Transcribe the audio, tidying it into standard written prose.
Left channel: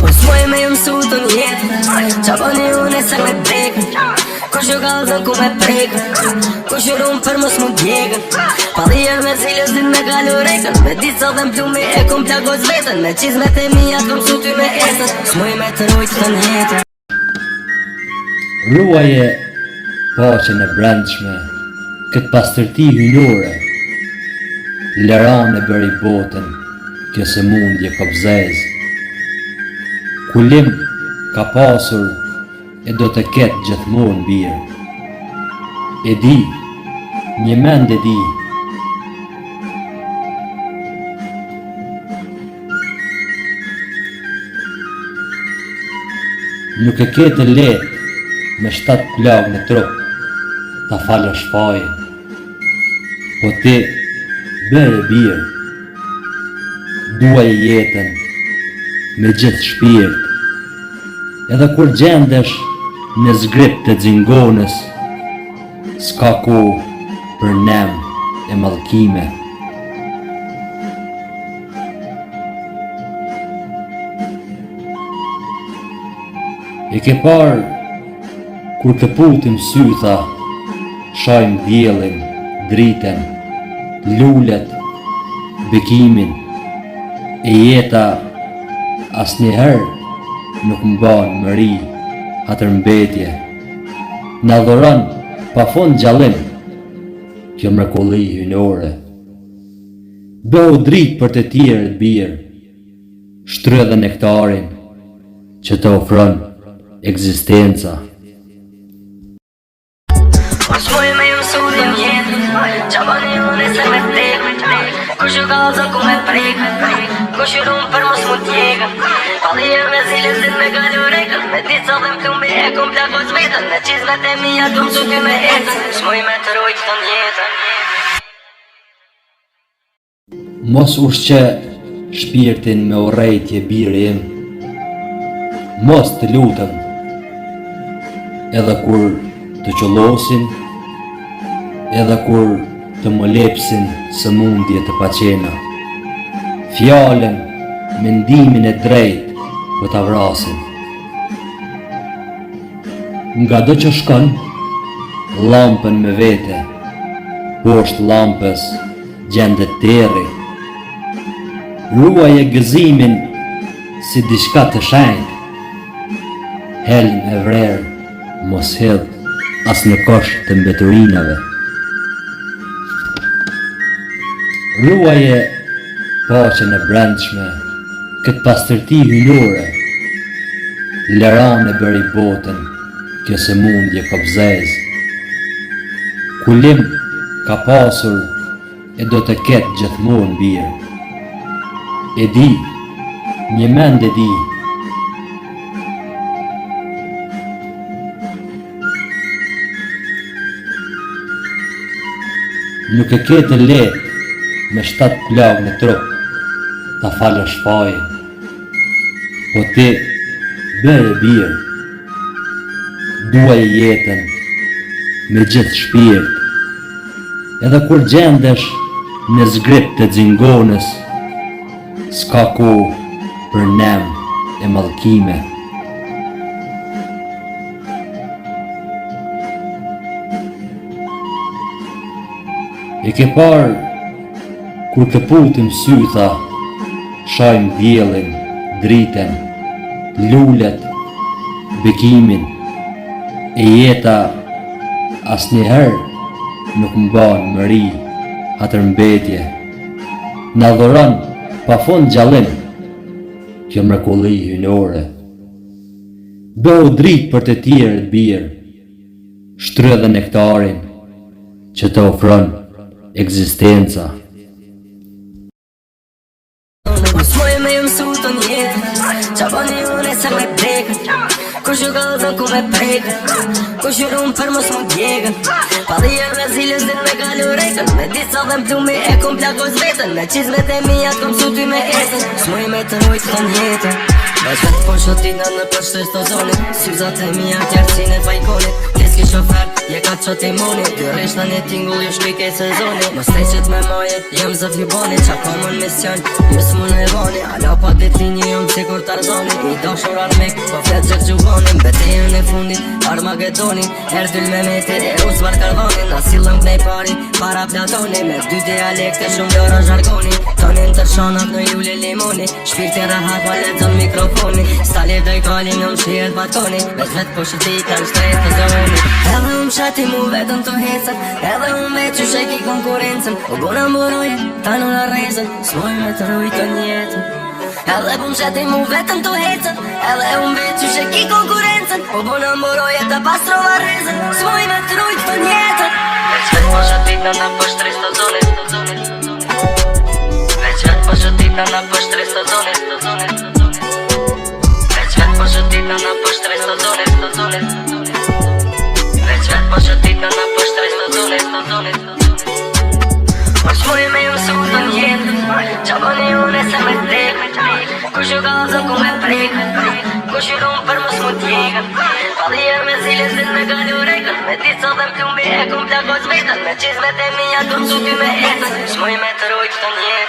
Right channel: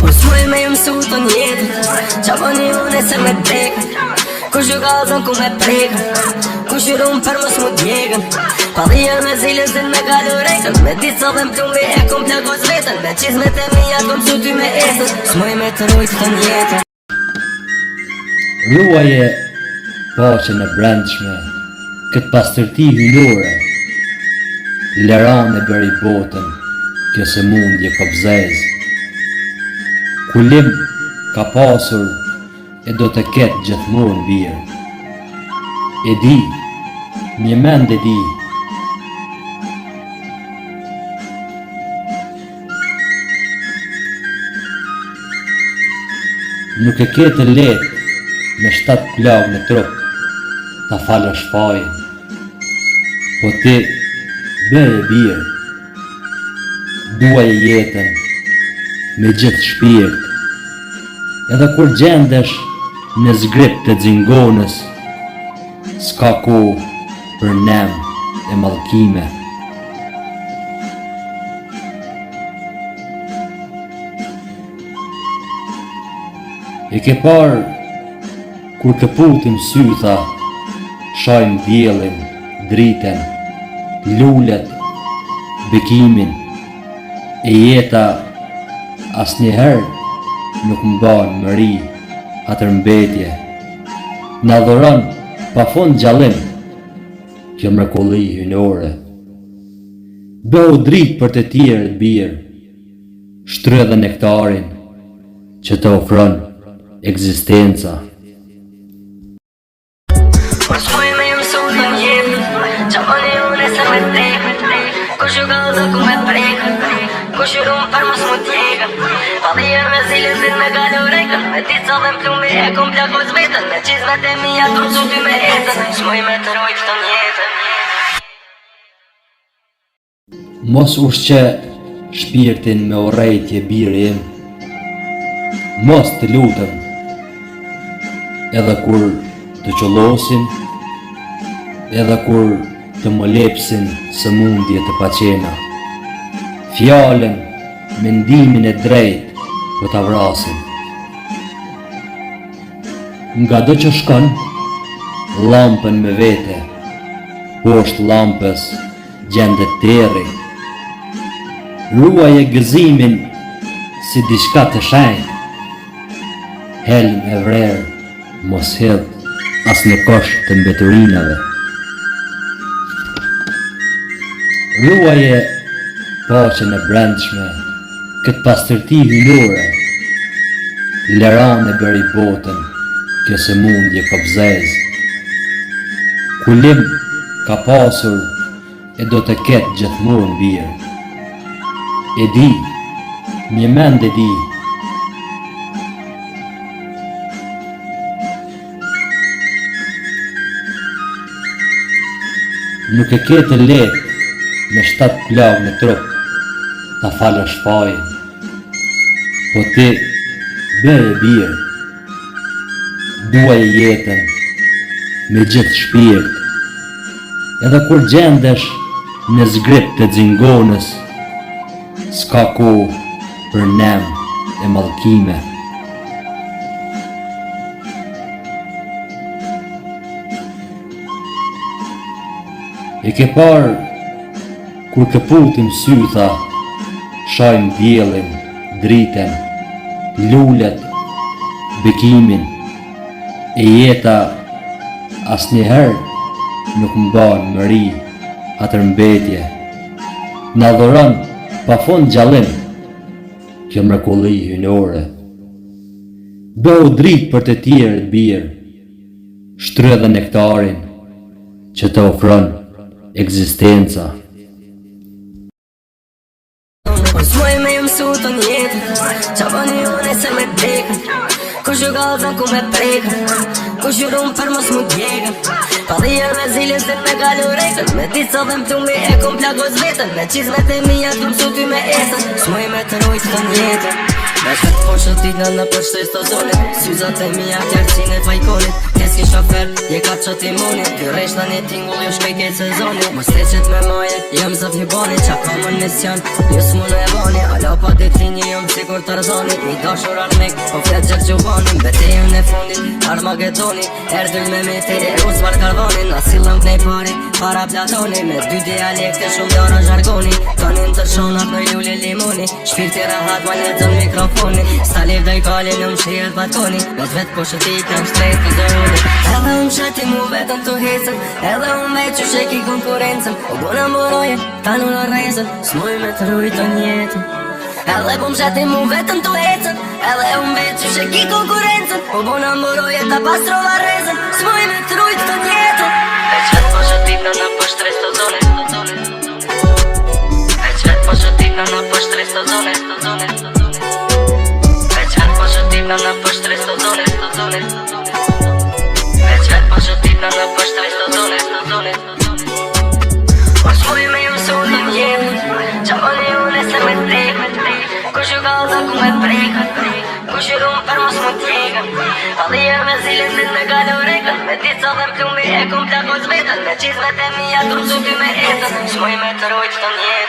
S'moj me ju mësu të njetë qa bëni une se me prekën Kush ju kalzën ku me prekën Kush ju rumë për mës mu t'jegën Palien me zilës din me kalu rejtën Me dica dhe m'plumi e kum plagos vetën Me qizmet e mija kum su ty me esën S'moj me të rojtë të njetën Ruaje paqen e brendshme këtë pastërti hynore Lerane bëri botën kjo se mundje kobzez Kulim ka pasur e do të ketë gjithmonë birë E di, një mend e di Nuk e ketë letë me 7 plagë në trup ta falësh fajin Po ti bëje birë Duaje jetën me gjithë shpirt Edhe kur gjendesh në zgrip të xingonës S'ka kohë për nem e mallkime E ke parë kur këputim sytha Shajmë diellin, driten, lulet, bekimin E jeta asnjëherë nuk mban mëri atër mbetje Na dhuron pa fund gjallim Kjo mrekulli hynore Bëu dritë për të tjerët birë Shtrë dhe nektarin që të ofron ekzistenca S'moj me ju mësu të njetë qa bëni une se me prekën Kush ju kalzën ku me prekën Kush ju rumë për mës mu t'jegën Palien me zilës din me kalu rejtën Me dica dhe m'plumi e kum plagos vetën Me qizmet e mija kum su ty me esën S'moj me të rojtë të njetën Mos ushqe shpirtin me urrejtje biri im Mos të lutëm Edhe kur të qollosin Edhe kur të më lepsin së mundje të paqena Fjallën, mendimin e drejt për ta vrasin Nga do që shkon, lampën me vete Poshtë lampës gjendet terri Ruaje gëzimin si diçka të shenjtë Helm e vrerë, mos hedh as në kosh të mbeturinave Ruaje paqen e brendshme këtë pastërti hynore Lerane bëri botën kjo se mundje kobzez Kulim ka pasur e do të ketë gjithmonë birë E di, një mend e di Nuk e ketë letë me 7 plagë në trup ta falësh fajin Po ti bëje birë Duaje jetën me gjithë shpirt Edhe kur gjendesh në zgrip të xingonës S'ka kohë për nem e mallkime E ke parë kur këputim sytha Shajmë diellin, driten, lulet, bekimin E jeta asnjëherë nuk mban mëri atër mbetje Na dhuron pa fund gjallim Kjo mrekulli hynore Bëu dritë për të tjerët birë Shtrë dhe nektarin që të ofron ekzistenca S'moj me ju mësu të njetë qa bëni une se me prekën Kush ju kalzën ku me prekën Kush ju rumë për mës mu t'jegën Palien me zilës din me kalu rejtën Me dica dhe m'plumi e kum plagos vetën Me qizmet e mija kum su ty me esën S'moj me të rojtë të njetën Me shkët po shëtit në për shtres të zonit. Syzat e mija tjerësin e fajkonit. Keski shofer, je ka që ti munit. Ti resh në një tingull, jo shkej kejt sezonit. Më steqet me majet, jem zët hibonit. Qa ka mën mision, ju s'mu në e bani. Alo pa dit linji, jom cikur Tarzanit. Një dashur armik, po flet gjek gjubanin. Bete jem në fundit, Armagedonin. Erdyll me metin, e rus var karvanin. Na silëm t'nej pari, para platoni. Me dy dialekte, shumë dora zhargoni. Tonin të shanat në juli limoni. Shpirti rahat, ma letën mikrofoni. Stali vdoj kalin, jom shijet balkoni. Veç vet po shëtit, në shtres të zoni. Edhe unë shati mu vetëm të hecën. Edhe unë veç që sheki konkurencën. O buna mbëroje, ta në arrizën. S'moj me të rujtë njetën. Edhe unë shati mu vetëm të hecën. Edhe unë veç që sheki konkurencën. O buna mbëroje, ta pastro arrizën. S'moj me të rujtë njetën. Veç vet po shëtit në për shtres të zoni. Veç vet po shëtit në për shtres të zoni. Veç vet po shëtit në për shtres të zoni. Veç vet po shëtit në për shtres të zoni. Mos muj me ju su të njetë. Qa po një une se me tek. Kush ju gaza ku me prek. Kush ju rumë për mos më tjekën. Palier me zilin zit me gale urekën. Me ditë sa dhe m'plumbi e kum t'la koz vetën. Me qizmet e mija kum që ty me etën. Shmuj me të rojtë të njetë.